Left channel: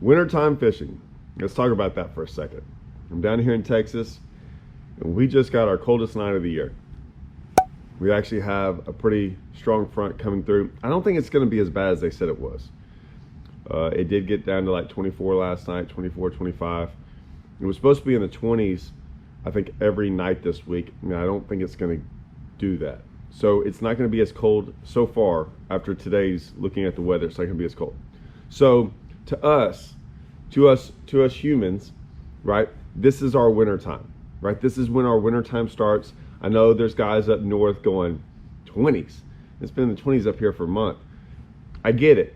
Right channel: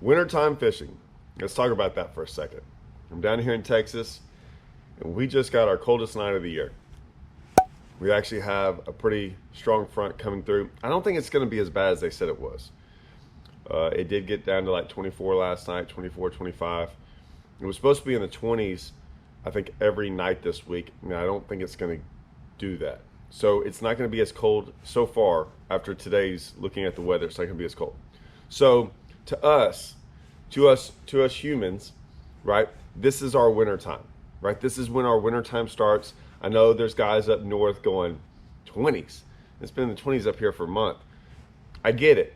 Wintertime fishing. Let's talk about that for a second. I'm down here in Texas, and we just got our coldest night of the year. We actually have a pretty strong front coming through. I don't think it's going to be as bad as they said it was. It did get down to like 24 last night, 24, 25. It was supposed to be in the 20s, I think, every night this week. I don't think it's going to do that. So it's not going to be as cold so far after today's looking at the weather. It's not going to be as cold. So to us humans, right, this is our winter time, right? This is when our winter time starts. I know there's guys up north going 20s. It's been in the 20s up here for a month. I get it,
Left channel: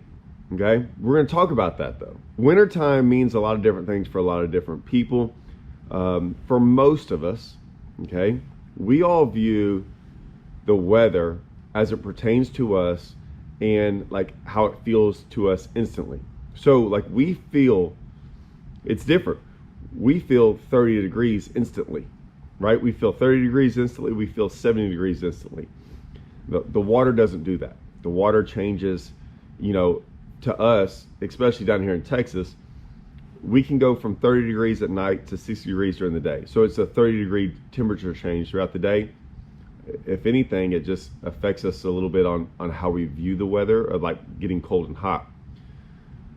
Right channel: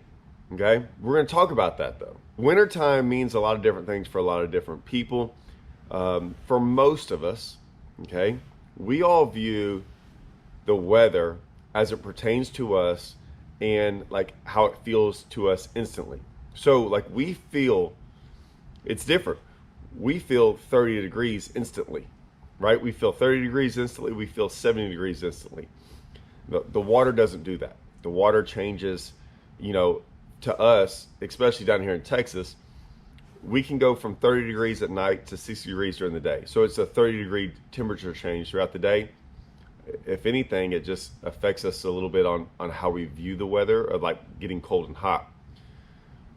okay? We're going to talk about that though. Wintertime means a lot of different things for a lot of different people. For most of us, okay, we all view the weather as it pertains to us and like how it feels to us instantly. So like we feel, it's different. We feel 30 degrees instantly, right? We feel 30 degrees instantly. We feel 70 degrees instantly. The water doesn't do that. The water changes, you know, to us, especially down here in Texas, we can go from 30 degrees at night to 60 degrees during the day. So it's a 30-degree temperature change throughout the day. If anything, it just affects us a little bit on how we view the weather, of like getting cold and hot.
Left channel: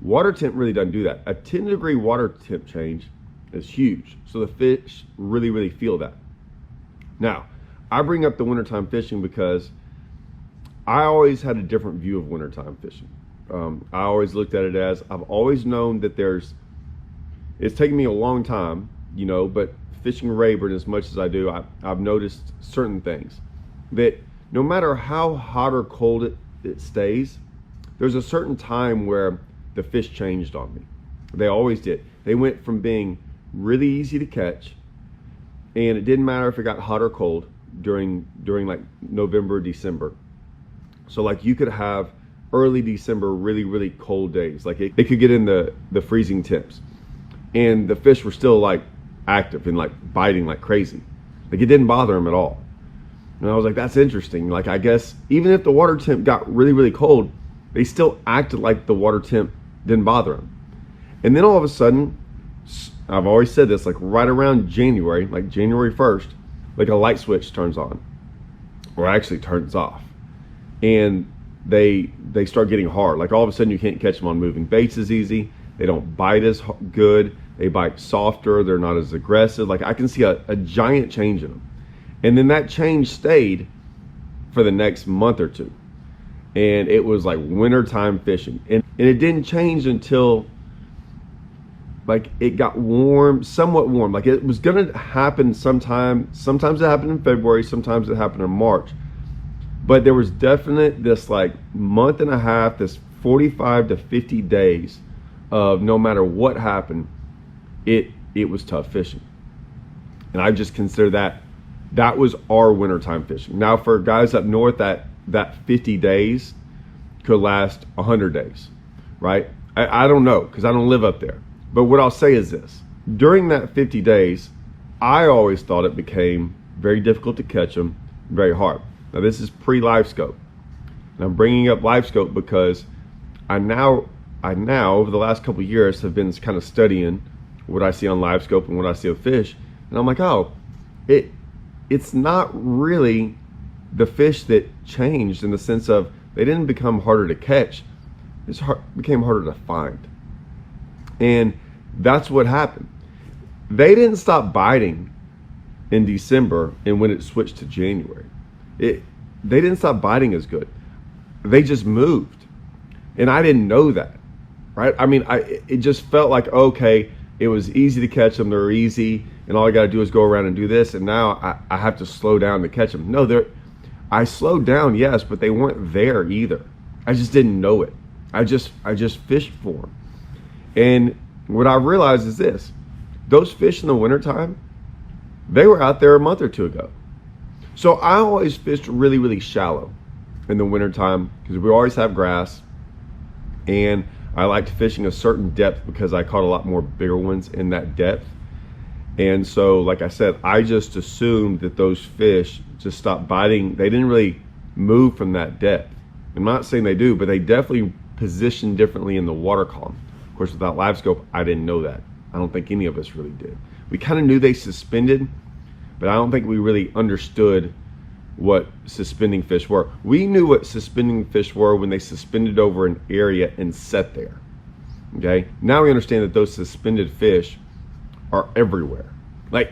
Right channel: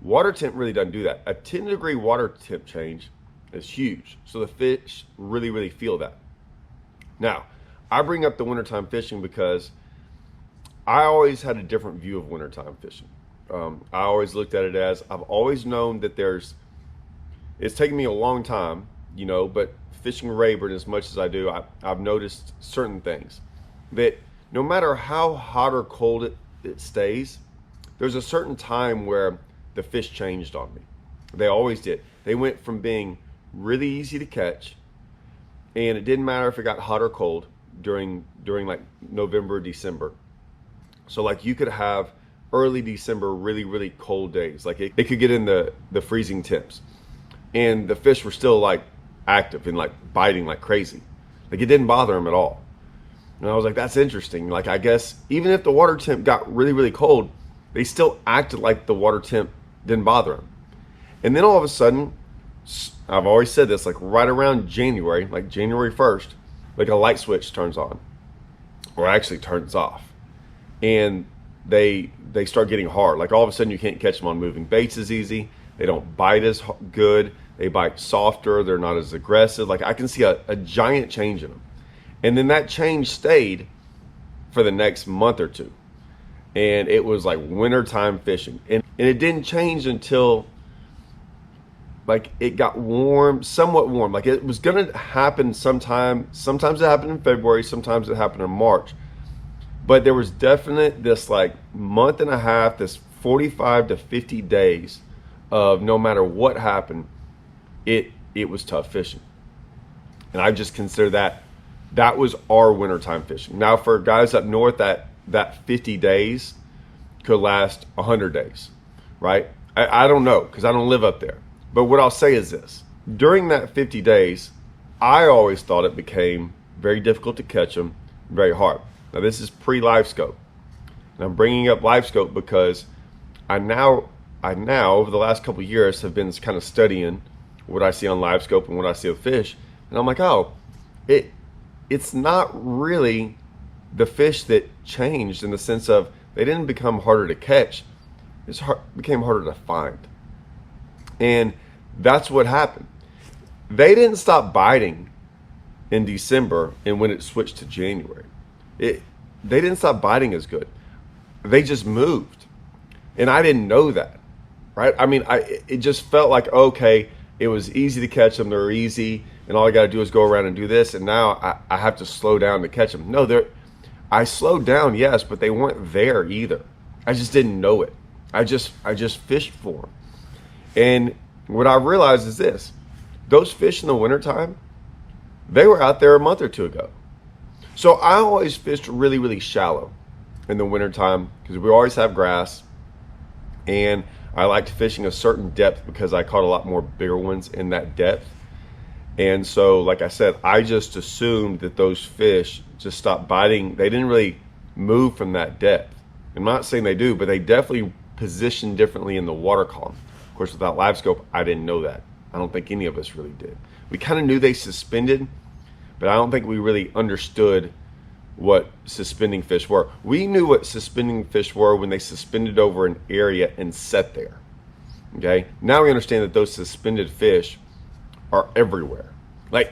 Water temp really doesn't do that. A 10-degree water temp change is huge. So the fish really feel that. Now, I bring up the wintertime fishing because I always had a different view of wintertime fishing. I always looked at it as, I've always known that it's taken me a long time, you know, but fishing Rayburn as much as I do, I've noticed certain things. That no matter how hot or cold it stays, there's a certain time where the fish changed on me. They always did. They went from being really easy to catch, and it didn't matter if it got hot or cold during like November, December. So like you could have early December really cold days. Like it could get in the freezing temps, and the fish were still like active and like biting like crazy. Like it didn't bother them at all. And I was like, that's interesting. Like I guess even if the water temp got really cold, they still acted like the water temp didn't bother them. And then all of a sudden, I've always said this, like right around January, like January 1st, like a light switch turns on, or actually turns off, and they start getting hard. Like all of a sudden you can't catch them on moving baits as easy. They don't bite as good. They bite softer. They're not as aggressive. Like I can see a giant change in them. And then that change stayed for the next month or two. And it was like wintertime fishing. And it didn't change until like it got warm, somewhat warm. Like it was gonna happen sometime. Sometimes it happened in February, sometimes it happened in March. But there was definite this like month and a half, this 45 to 50 days of no matter what happened, it was tough fishing. And I just consider that was our wintertime fishing. Now for guys up north, that 50 days could last 100 days, right? I don't know, because I don't live up there. But what I'll say is this: during that 50 days, I always thought it became very difficult to catch them, very hard. Now this is pre-Livescope. And I'm bringing up Livescope because I now over the last couple of years have been kind of studying what I see on Livescope and what I see of fish, and I'm like, oh, it's not really the fish that changed in the sense of they didn't become harder to catch. It became harder to find. And that's what happened. They didn't stop biting in December and when it switched to January. They didn't stop biting as good. They just moved. And I didn't know that, right? I mean, it just felt like, okay, it was easy to catch them. They're easy. And all I got to do is go around and do this. And now I have to slow down to catch them. No, I slowed down, yes, but they weren't there either. I just didn't know it. I just fished for them. And what I realized is this: those fish in the wintertime, they were out there a month or two ago. So I always fished really shallow in the wintertime because we always have grass, and I liked fishing a certain depth because I caught a lot more bigger ones in that depth. And so, like I said, I just assumed that those fish just stopped biting. They didn't really move from that depth. I'm not saying they do, but they definitely position differently in the water column. Of course, without Livescope, I didn't know that. I don't think any of us really did. We kind of knew they suspended, but I don't think we really understood what suspending fish were. We knew what suspending fish were when they suspended over an area and sat there. Okay, now we understand that those suspended fish are everywhere. Like,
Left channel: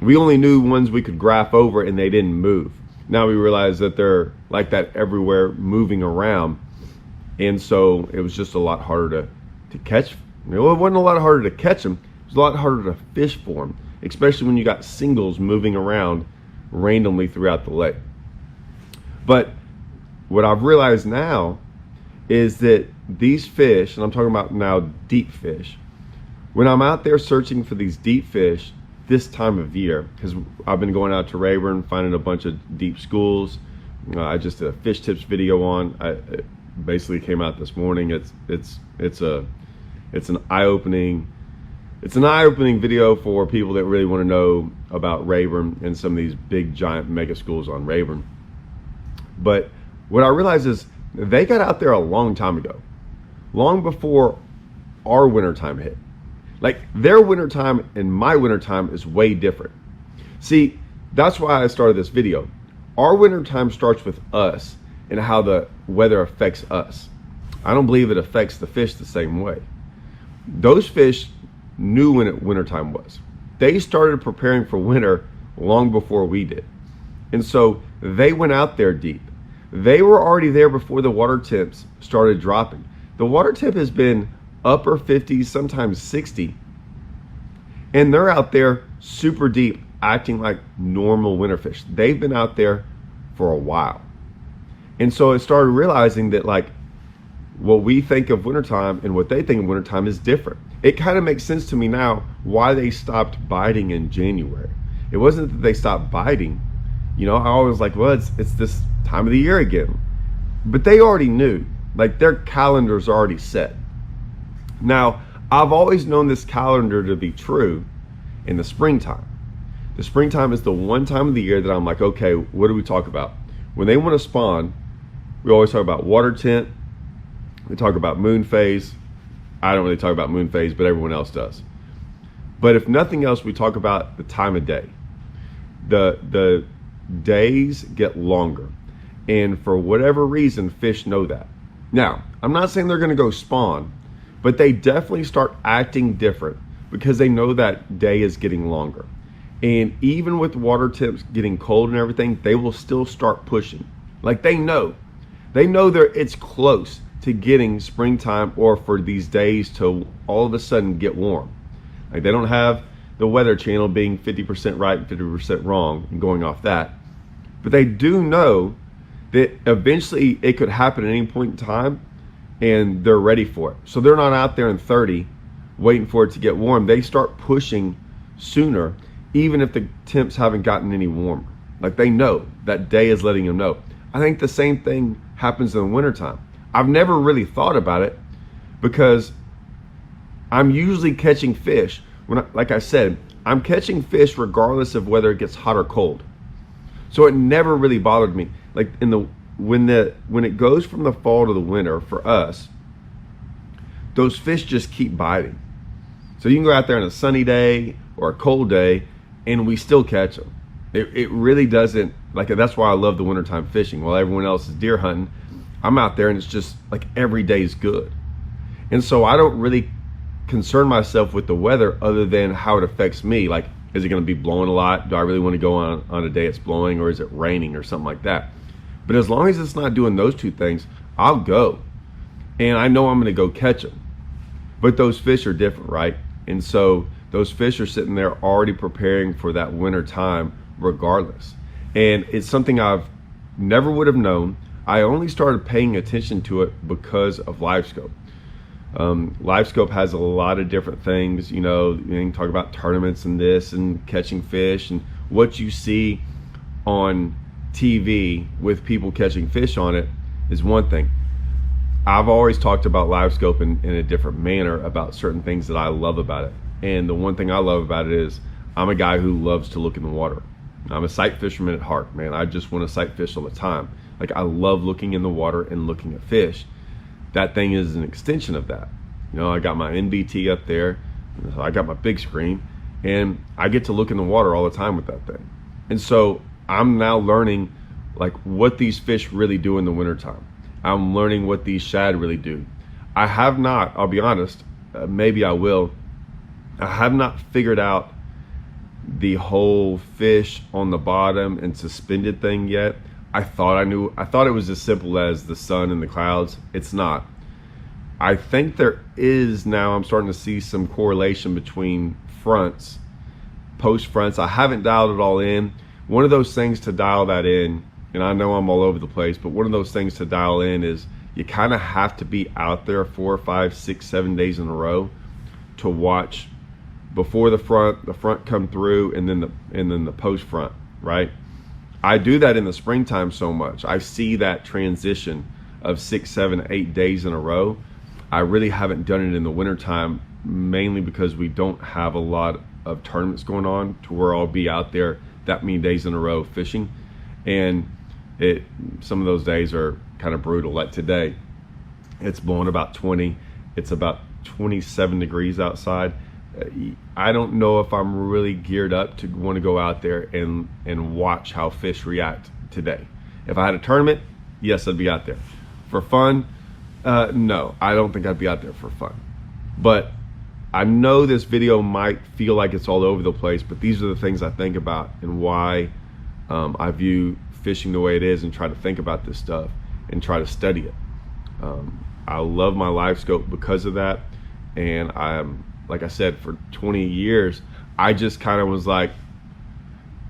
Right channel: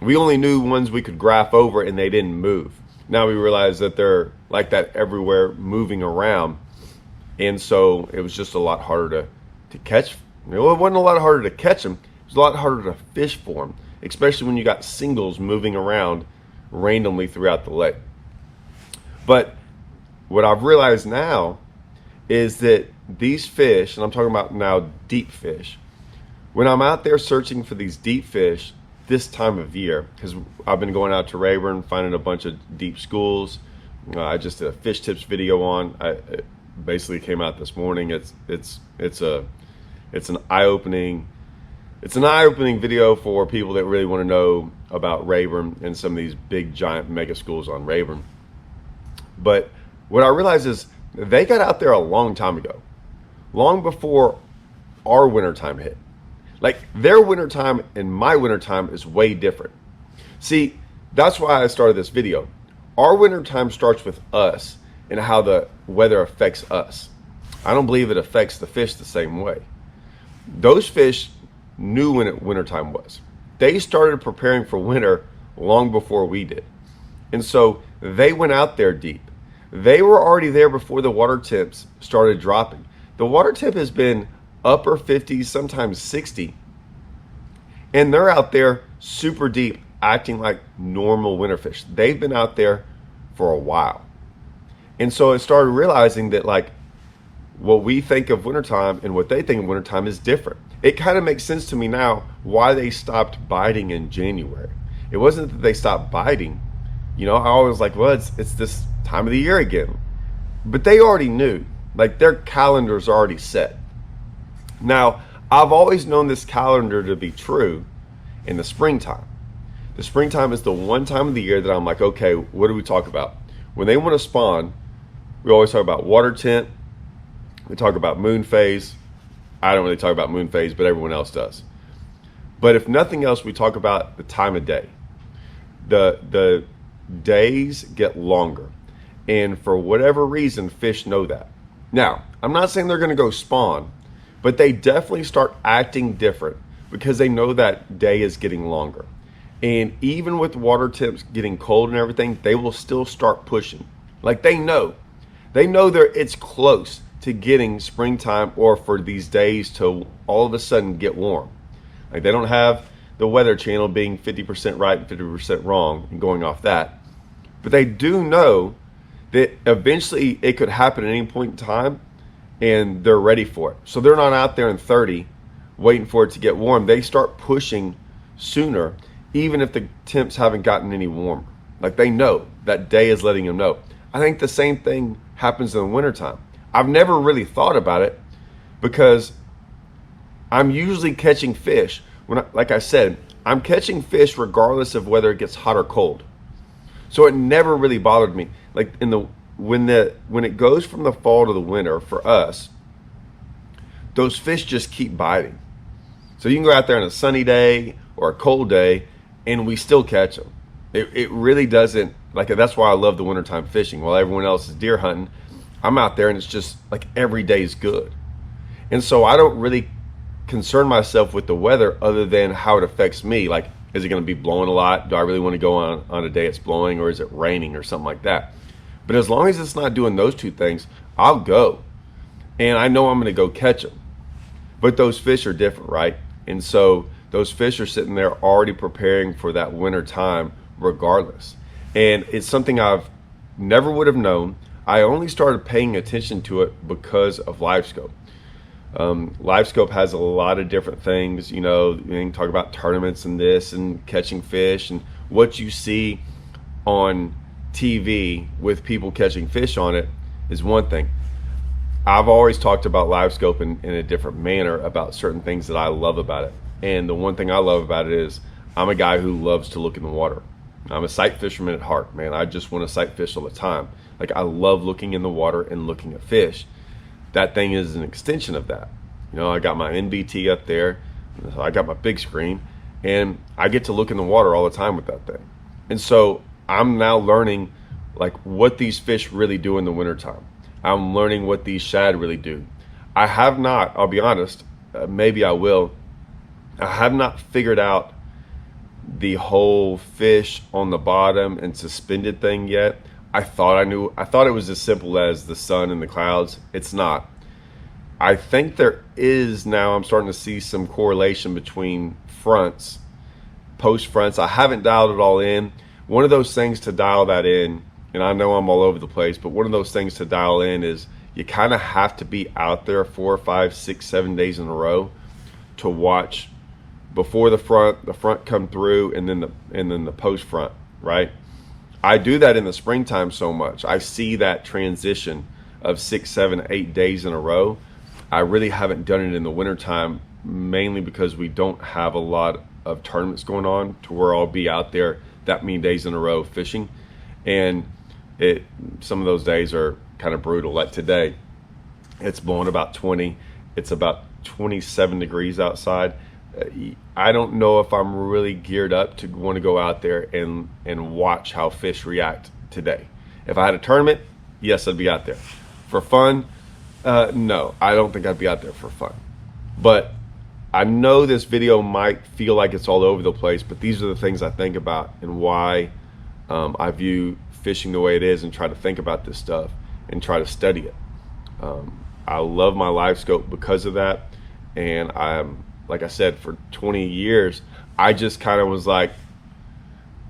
we only knew ones we could graph over and they didn't move. Now we realize that they're like that everywhere, moving around. And so it was just a lot harder to catch. It wasn't a lot harder to catch them. It was a lot harder to fish for them, especially when you got singles moving around randomly throughout the lake. But what I've realized now is that these fish, and I'm talking about now deep fish, when I'm out there searching for these deep fish this time of year, because I've been going out to Rayburn, finding a bunch of deep schools. I just did a fish tips video on. It basically came out this morning. It's an eye-opening video for people that really want to know about Rayburn and some of these big giant mega schools on Rayburn. But what I realized is they got out there a long time ago, long before our wintertime hit. Like, their wintertime and my wintertime is way different. See, that's why I started this video. Our wintertime starts with us and how the weather affects us. I don't believe it affects the fish the same way. Those fish knew when wintertime was. They started preparing for winter long before we did. And so they went out there deep. They were already there before the water temps started dropping. The water temp has been upper 50s, sometimes 60. And they're out there super deep, acting like normal winter fish. They've been out there for a while. And so I started realizing that, like, what we think of wintertime and what they think of wintertime is different. It kind of makes sense to me now why they stopped biting in January. It wasn't that they stopped biting. You know, I always like, well, it's this time of the year again. But they already knew. Like, their calendar's already set. Now, I've always known this calendar to be true in the springtime. The springtime is the one time of the year that I'm like, okay, what do we talk about? When they want to spawn, we always talk about water tent. We talk about moon phase. I don't really talk about moon phase, but everyone else does. But if nothing else, we talk about the time of day. The days get longer. And for whatever reason, fish know that. Now, I'm not saying they're going to go spawn, but they definitely start acting different because they know that day is getting longer. And even with water temps getting cold and everything, they will still start pushing. Like, they know it's close to getting springtime, or for these days to all of a sudden get warm. Like, they don't have the Weather Channel being 50% right and 50% wrong and going off that. But they do know that eventually it could happen at any point in time, and they're ready for it. So they're not out there in 30 waiting for it to get warm. They start pushing sooner, even if the temps haven't gotten any warmer. Like, they know that day is letting them know. I think the same thing happens in the wintertime. I've never really thought about it because I'm usually catching fish. Like I said, I'm catching fish regardless of whether it gets hot or cold. So it never really bothered me. Like, when it goes from the fall to the winter for us, those fish just keep biting. So you can go out there on a sunny day or a cold day and we still catch them. It really doesn't, like, that's why I love the wintertime fishing. While everyone else is deer hunting, I'm out there and it's just like every day is good. And so I don't really concern myself with the weather other than how it affects me. Like, is it going to be blowing a lot? Do I really want to go on a day it's blowing, or is it raining or something like that? But as long as it's not doing those two things, I'll go. And I know I'm going to go catch them. But those fish are different, right? And so those fish are sitting there already preparing for that winter time regardless. And it's something I've never would have known. I only started paying attention to it because of Livescope. Livescope has a lot of different things. You know, you can talk about tournaments and this and catching fish, and what you see on TV with people catching fish on it is one thing. I've always talked about Livescope in a different manner about certain things that I love about it. And the one thing I love about it is I'm a guy who loves to look in the water. I'm a sight fisherman at heart, man. I just want to sight fish all the time. Like, I love looking in the water and looking at fish. That thing is an extension of that. You know, I got my NVT up there, I got my big screen, and I get to look in the water all the time with that thing. And so I'm now learning like what these fish really do in the wintertime. I'm learning what these shad really do. I have not, I'll be honest, maybe I will, I have not figured out the whole fish on the bottom and suspended thing yet. I thought it was as simple as the sun and the clouds. It's not. I think there is now, I'm starting to see some correlation between fronts, post fronts. I haven't dialed it all in. One of those things to dial that in, and I know I'm all over the place, but one of those things to dial in is you kind of have to be out there 4, 5, 6, 7 days in a row to watch before the front come through, and then the post front, right? I do that in the springtime so much. I see that transition of 6, 7, 8 days in a row. I really haven't done it in the wintertime, mainly because we don't have a lot of tournaments going on to where I'll be out there that many days in a row fishing. And some of those days are kind of brutal. Like today, it's blowing about 20. It's about 27 degrees outside. I don't know if I'm really geared up to want to go out there and watch how fish react today. If I had a tournament, yes, I'd be out there. For fun, no, I don't think I'd be out there for fun. But I know this video might feel like it's all over the place, but these are the things I think about and why I view fishing the way it is and try to think about this stuff and try to study it. I love my Livescope because of that, and like I said, for 20 years, I just kind of was like,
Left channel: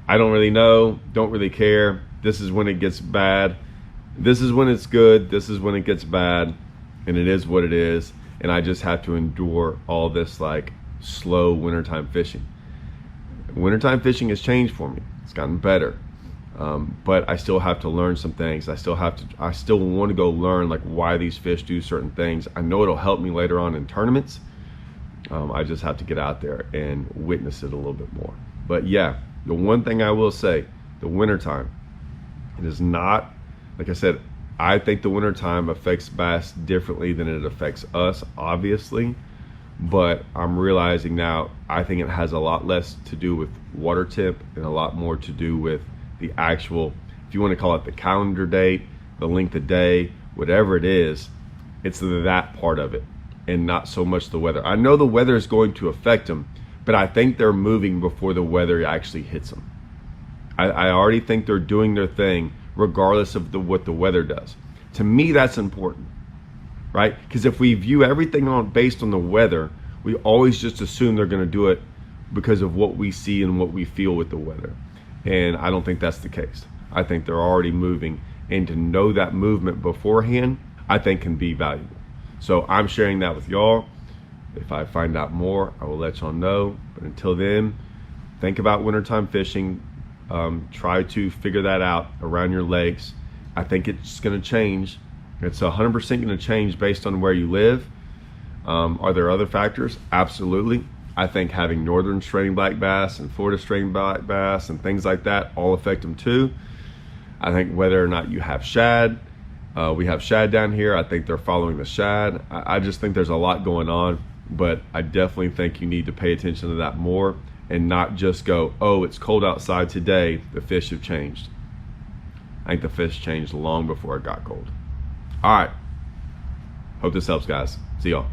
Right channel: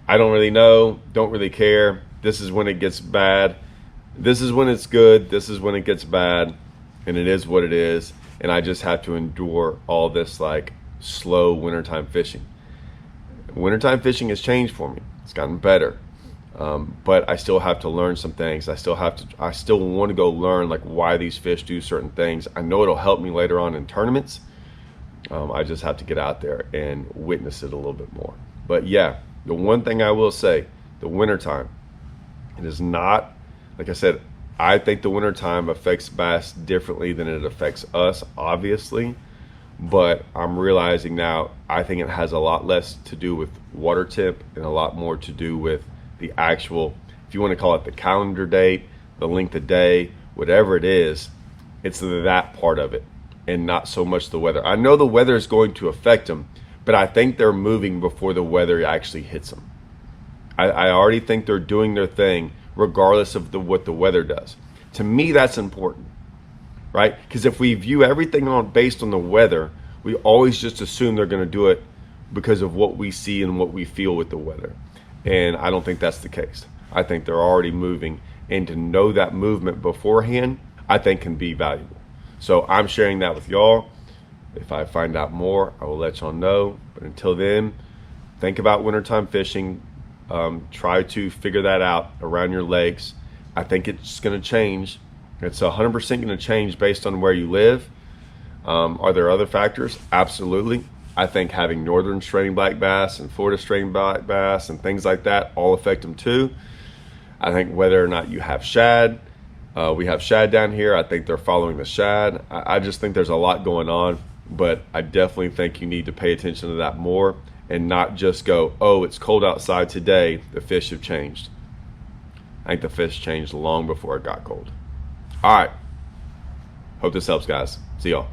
I don't really know, don't really care. This is when it gets bad. This is when it's good. This is when it gets bad, and it is what it is. And I just have to endure all this like slow wintertime fishing. Wintertime fishing has changed for me. It's gotten better. But I still have to learn some things. I still want to go learn like why these fish do certain things. I know it'll help me later on in tournaments. I just have to get out there and witness it a little bit more. But yeah, the one thing I will say, the wintertime, it is not, like I said, I think the wintertime affects bass differently than it affects us, obviously. But I'm realizing now, I think it has a lot less to do with water temp and a lot more to do with the actual, if you want to call it the calendar date, the length of day, whatever it is, it's that part of it and not so much the weather. I know the weather is going to affect them, but I think they're moving before the weather actually hits them. I already think they're doing their thing regardless of what the weather does. To me, that's important, right? Because if we view everything based on the weather, we always just assume they're going to do it because of what we see and what we feel with the weather. And I don't think that's the case. I think they're already moving, and to know that movement beforehand, I think can be valuable. So I'm sharing that with y'all. If I find out more, I will let y'all know. But until then, think about wintertime fishing. Try to figure that out around your lakes. I think it's going to change. It's 100% going to change based on where you live. Are there other factors? Absolutely. I think having northern straining black bass and Florida straining black bass and things like that all affect them too. I think whether or not you have shad, we have shad down here. I think they're following the shad. I just think there's a lot going on, but I definitely think you need to pay attention to that more and not just go, oh, it's cold outside today, the fish have changed. I think the fish changed long before it got cold. All right. Hope this helps, guys. See y'all.